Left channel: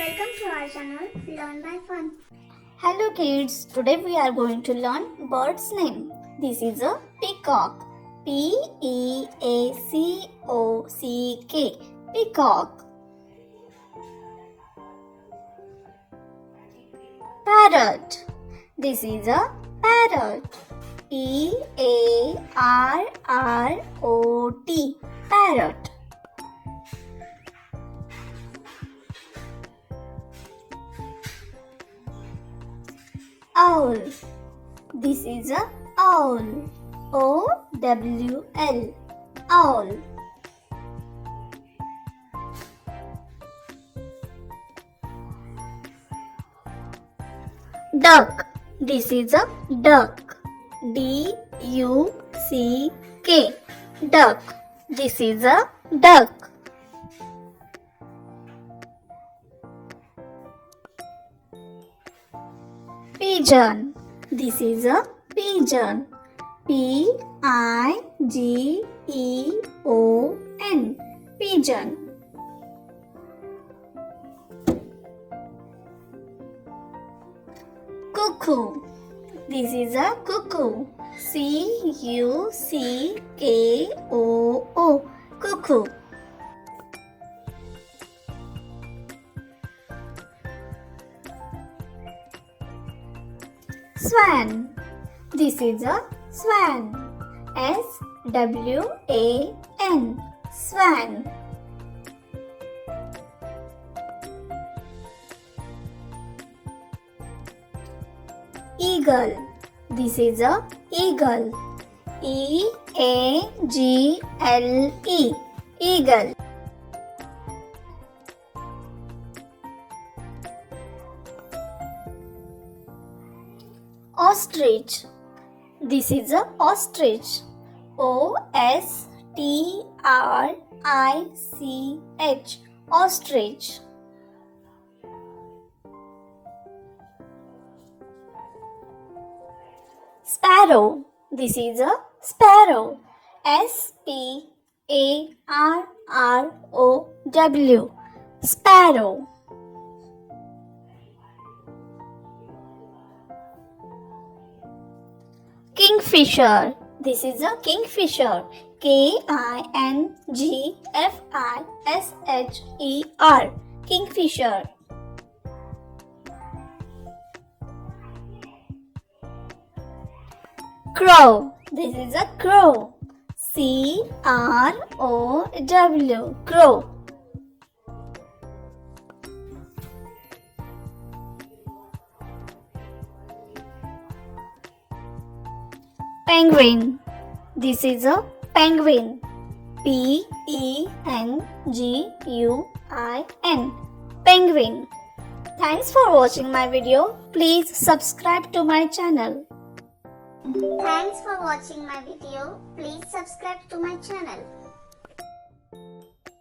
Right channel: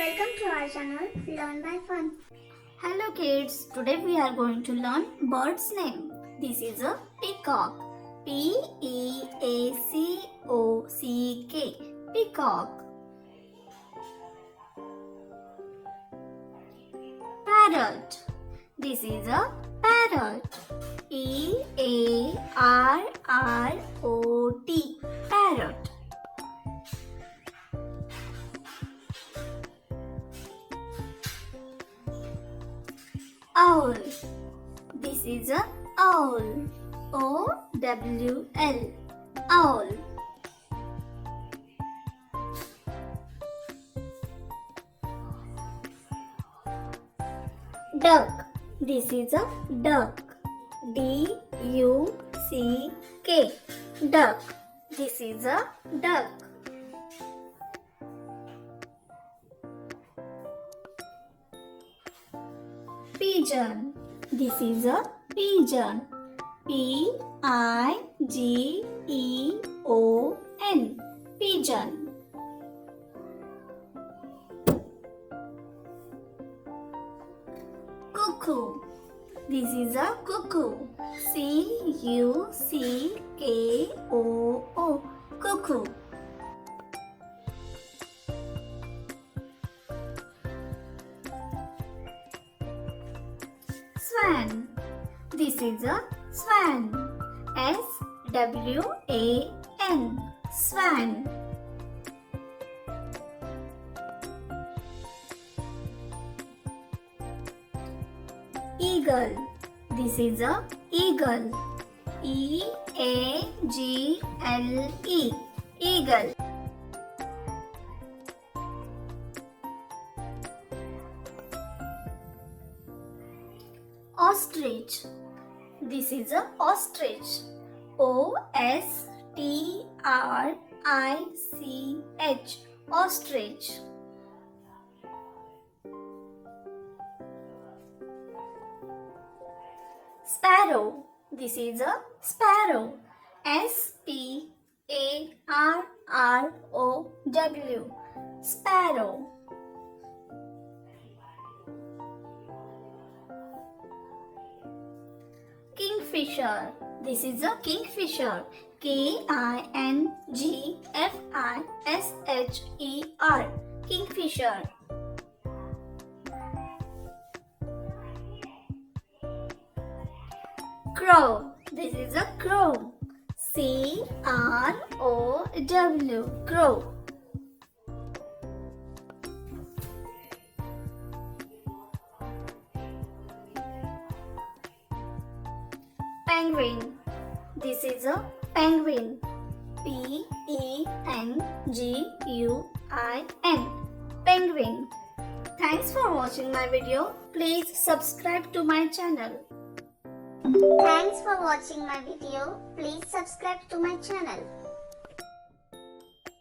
Welcome to our channel Learn by Fun. Hello kids, today we are going to learn bird's name. This is a peacock. P-E-A-C-O-C-K. Peacock. Parrot. This is a parrot. E-A-R-R-O-T. Parrot. Owl. This is a owl. O-W-L. Owl. Duck. This is a duck. D-U-C-K. Duck. This is a duck. Pigeon. This is a pigeon. P-I-G-E-O-N. Pigeon. Cuckoo. This is a cuckoo. C-U-C-K-O-O. Cuckoo. Swan. This is a swan. S-W-A-N. Swan. Eagle. This is a eagle. E-A-G-L-E. Eagle. Ostrich. This is a ostrich. O-S-T-R-I-C-H. Ostrich. Sparrow. This is a sparrow. S-P-A-R-R-O-W. Sparrow. Kingfisher. This is a kingfisher. K-I-N-G-F-I-S-H-E-R. Kingfisher. Crow. This is a crow. C-R-O-W. Crow. Penguin. This is a penguin. P-E-N-G-U-I-N. Penguin. Thanks for watching my video. Please subscribe to my channel. Thanks for watching my video. Please subscribe to my channel.